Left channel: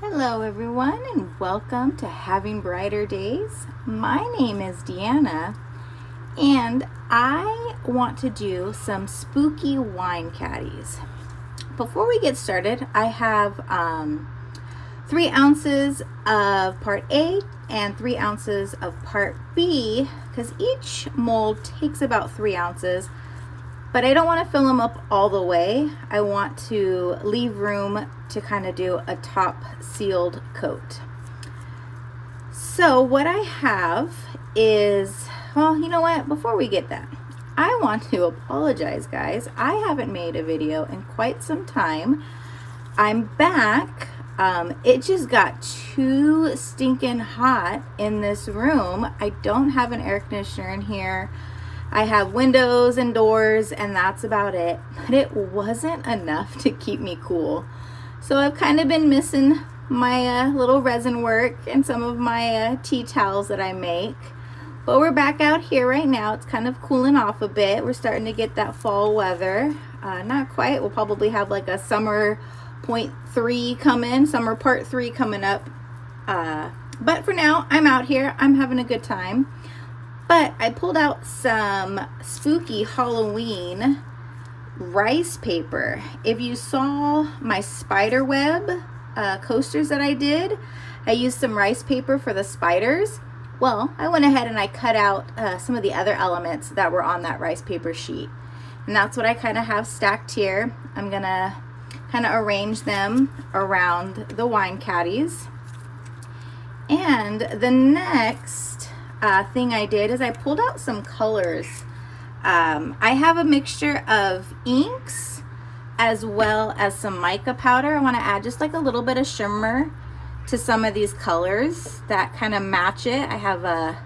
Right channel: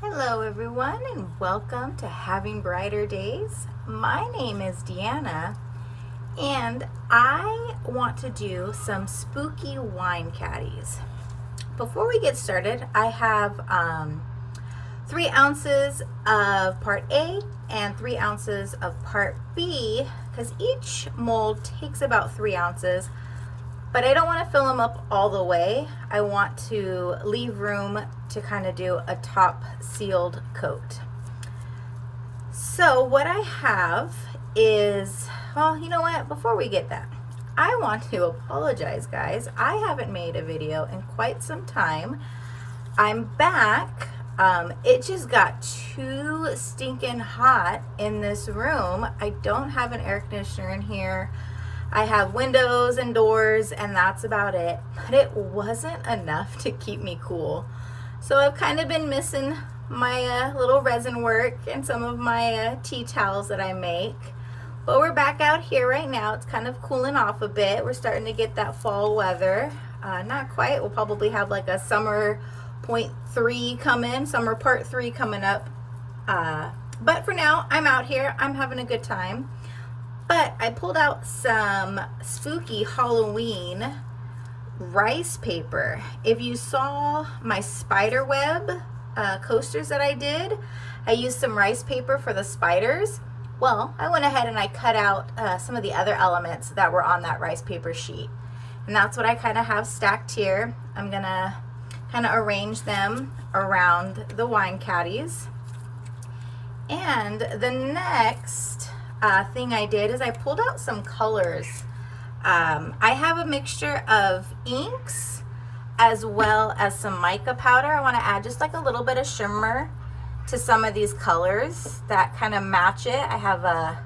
Hello everyone, and welcome to Having Brighter Days. My name is Deanna, and I want to do some spooky wine caddies. Before we get started, I have 3 ounces of part A and 3 ounces of part B, because each mold takes about 3 ounces. But I don't want to fill them up all the way. I want to leave room to kind of do a top sealed coat. So what I have is, well, you know what? Before we get that, I want to apologize, guys. I haven't made a video in quite some time. I'm back. It just got too stinking hot in this room. I don't have an air conditioner in here. I have windows and doors, and that's about it. But it wasn't enough to keep me cool. So I've kind of been missing my little resin work and some of my tea towels that I make. But we're back out here right now. It's kind of cooling off a bit. We're starting to get that fall weather. Not quite. We'll probably have like a summer .3 coming, summer part 3 coming up. But for now, I'm out here. I'm having a good time. But I pulled out some spooky Halloween rice paper. If you saw my spider web coasters that I did, I used some rice paper for the spiders. Well, I went ahead and I cut out some of the other elements that were on that rice paper sheet. And that's what I kind of have stacked here. I'm going to kind of arrange them around the wine caddies. And the next thing I did is I pulled out some colors. I have a mixture of inks as well as some mica powder. I want to add just like a little bit of shimmer to some of these colors that kind of match it. I have a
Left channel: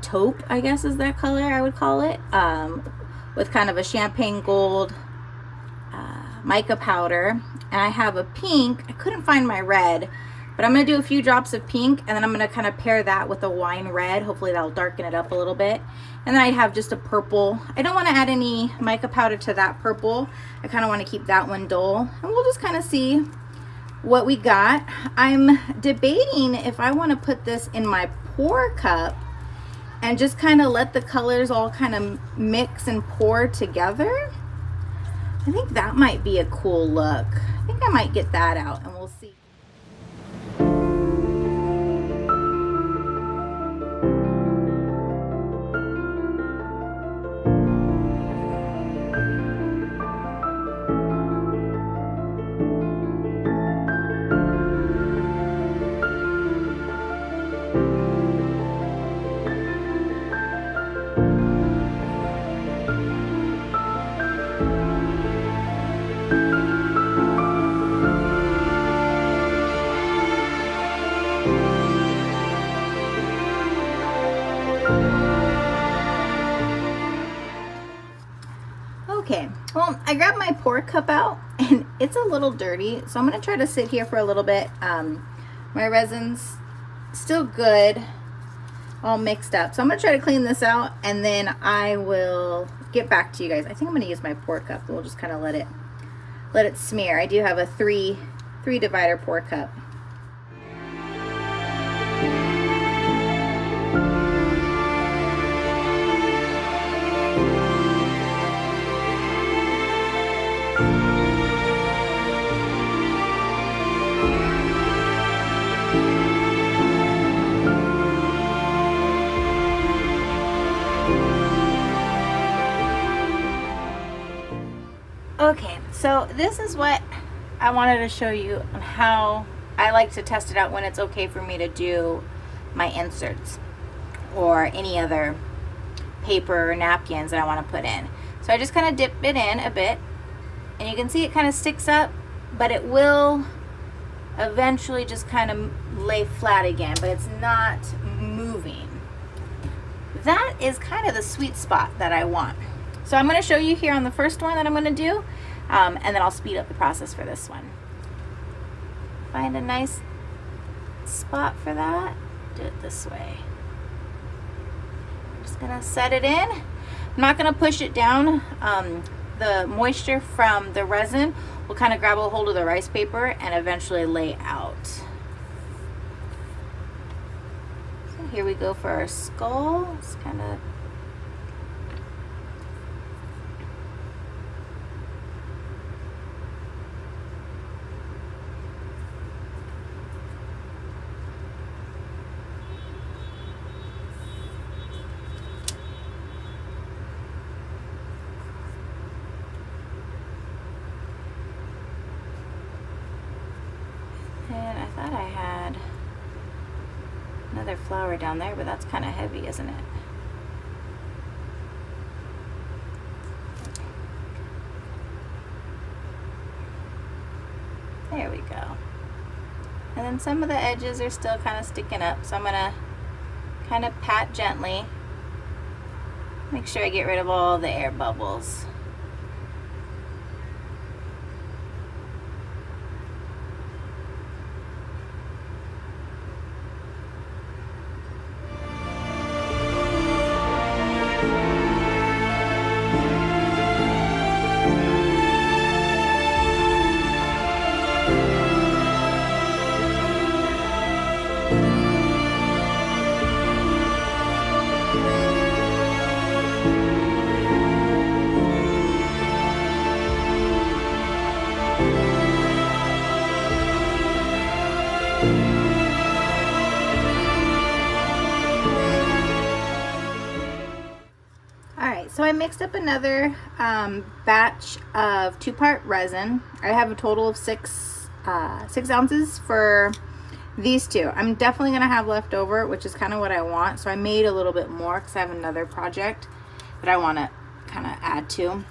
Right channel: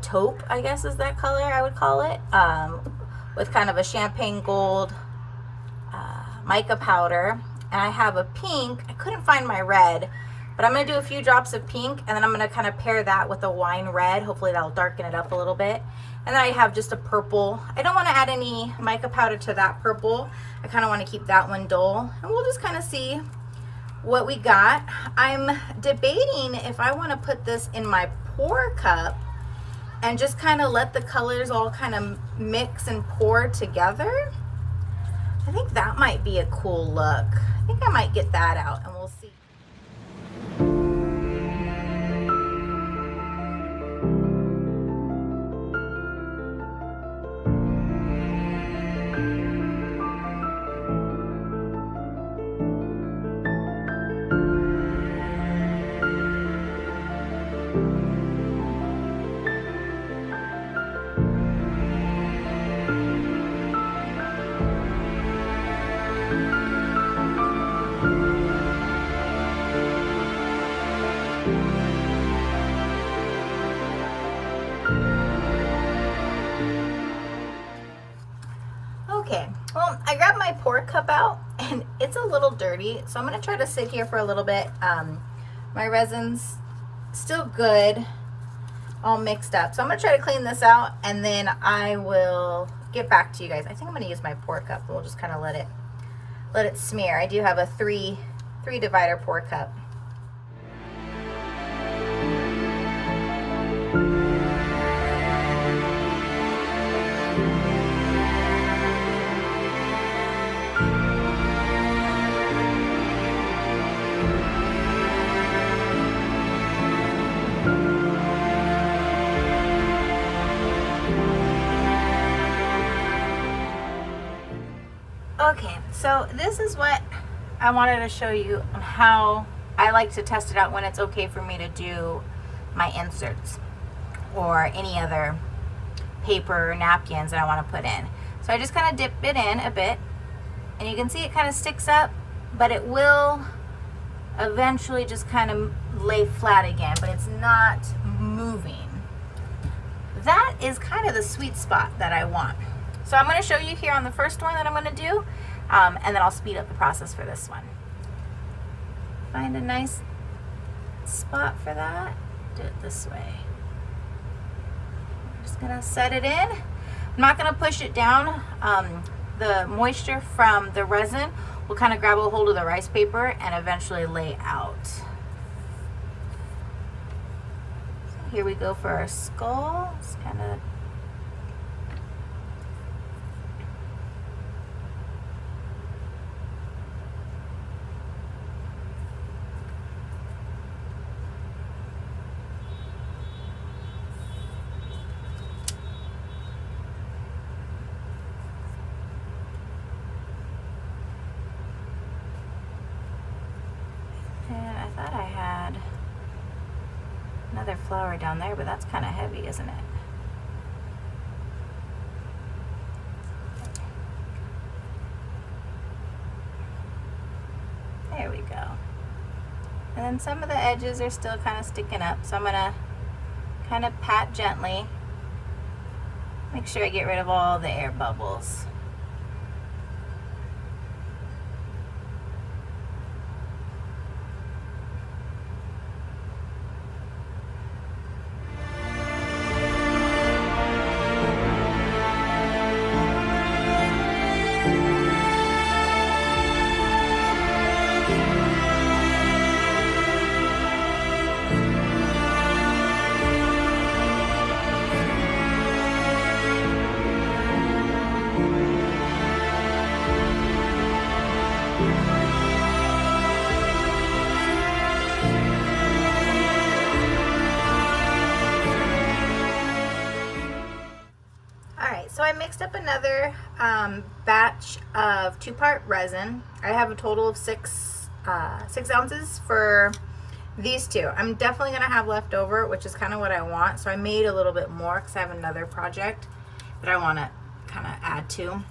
taupe, I guess is that color I would call it, with kind of a champagne gold mica powder. And I have a pink. I couldn't find my red, but I'm going to do a few drops of pink, and then I'm going to kind of pair that with a wine red. Hopefully that'll darken it up a little bit. And then I have just a purple. I don't want to add any mica powder to that purple. I kind of want to keep that one dull. And we'll just kind of see what we got. I'm debating if I want to put this in my pour cup and just kind of let the colors all kind of mix and pour together. I think that might be a cool look. I think I might get that out, and we'll see. Okay, well, I grabbed my pour cup out, and it's a little dirty, so I'm going to try to sit here for a little bit. My resin's still good, all mixed up, so I'm going to try to clean this out, and then I will get back to you guys. I think I'm going to use my pour cup. We'll just kind of let it smear. I do have a three divider pour cup. Okay, so this is what I wanted to show you, how I like to test it out when it's okay for me to do my inserts or any other paper or napkins that I want to put in. So I just kind of dip it in a bit, and you can see it kind of sticks up, but it will eventually just kind of lay flat again, but it's not moving. That is kind of the sweet spot that I want. So I'm going to show you here on the first one that I'm going to do, and then I'll speed up the process for this one. Find a nice spot for that. Do it this way. I'm just going to set it in. I'm not going to push it down. The moisture from the resin will kind of grab a hold of the rice paper and eventually lay out. So here we go for our skull. It's kind of another flower down there, but that's kind of heavy, isn't it? There we go. And then some of the edges are still kind of sticking up, so I'm gonna kind of pat gently. Make sure I get rid of all the air bubbles. So I mixed up another batch of 2-part resin. I have a total of 6 ounces for these two. I'm definitely gonna have left over, which is kind of what I want. So I made a little bit more because I have another project that I want to kind of add to.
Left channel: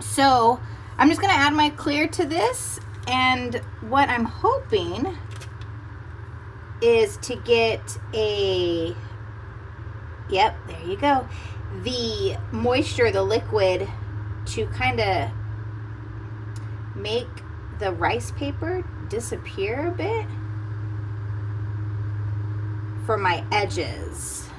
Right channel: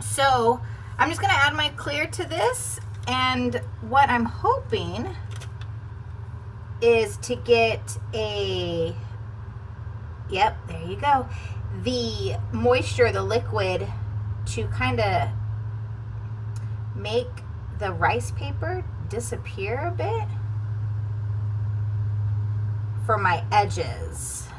So I'm just gonna add my clear to this, and what I'm hoping is to get a, yep, there you go, the moisture, the liquid, to kind of make the rice paper disappear a bit for my edges.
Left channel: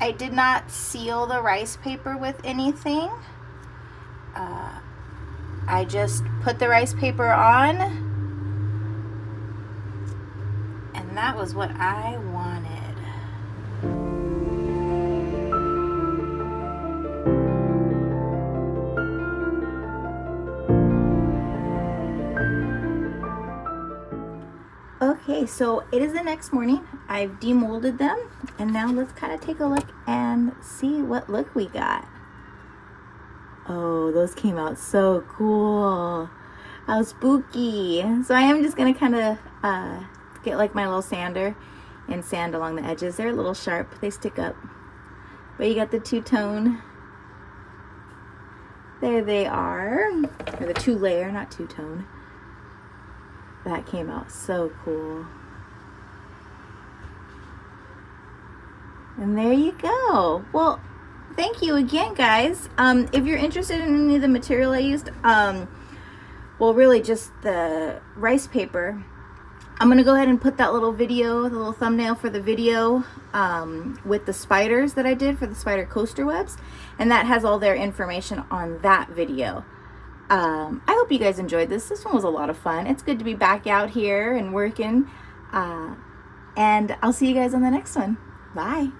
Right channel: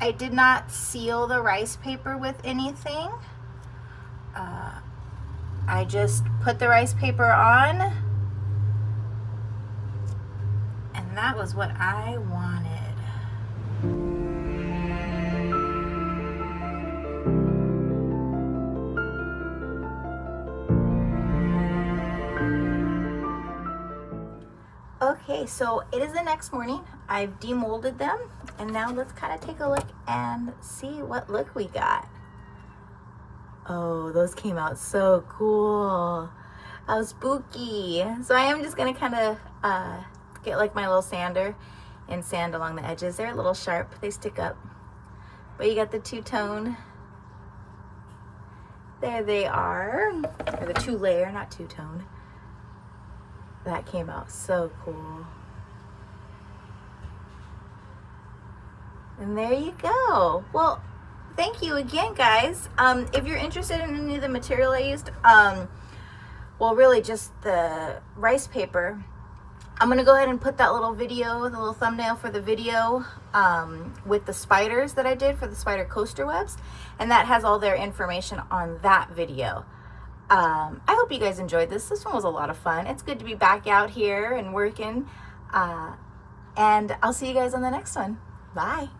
I did not seal the rice paper with anything. I just put the rice paper on, and that was what I wanted. Okay, so it is the next morning. I've demolded them, and now let's kind of take a look and see what look we got. Oh, those came out so cool. How spooky. So I am just gonna kind of get like my little sander and sand along the edges. They're a little sharp, they stick up. But you got the two-tone. There they are. Or the two-layer, not two-tone. That came out so cool. And there you go. Well, thank you again, guys. If you're interested in any of the material I used, well, really just the rice paper, I'm gonna go ahead and put that little video, the little thumbnail for the video, with the spiders that I did for the spider coaster webs, and that has all their information on that video. I hope you guys enjoyed this. This one was a lot of fun. It's good to be back out here and working, and I'll see you guys on the next one. Bye.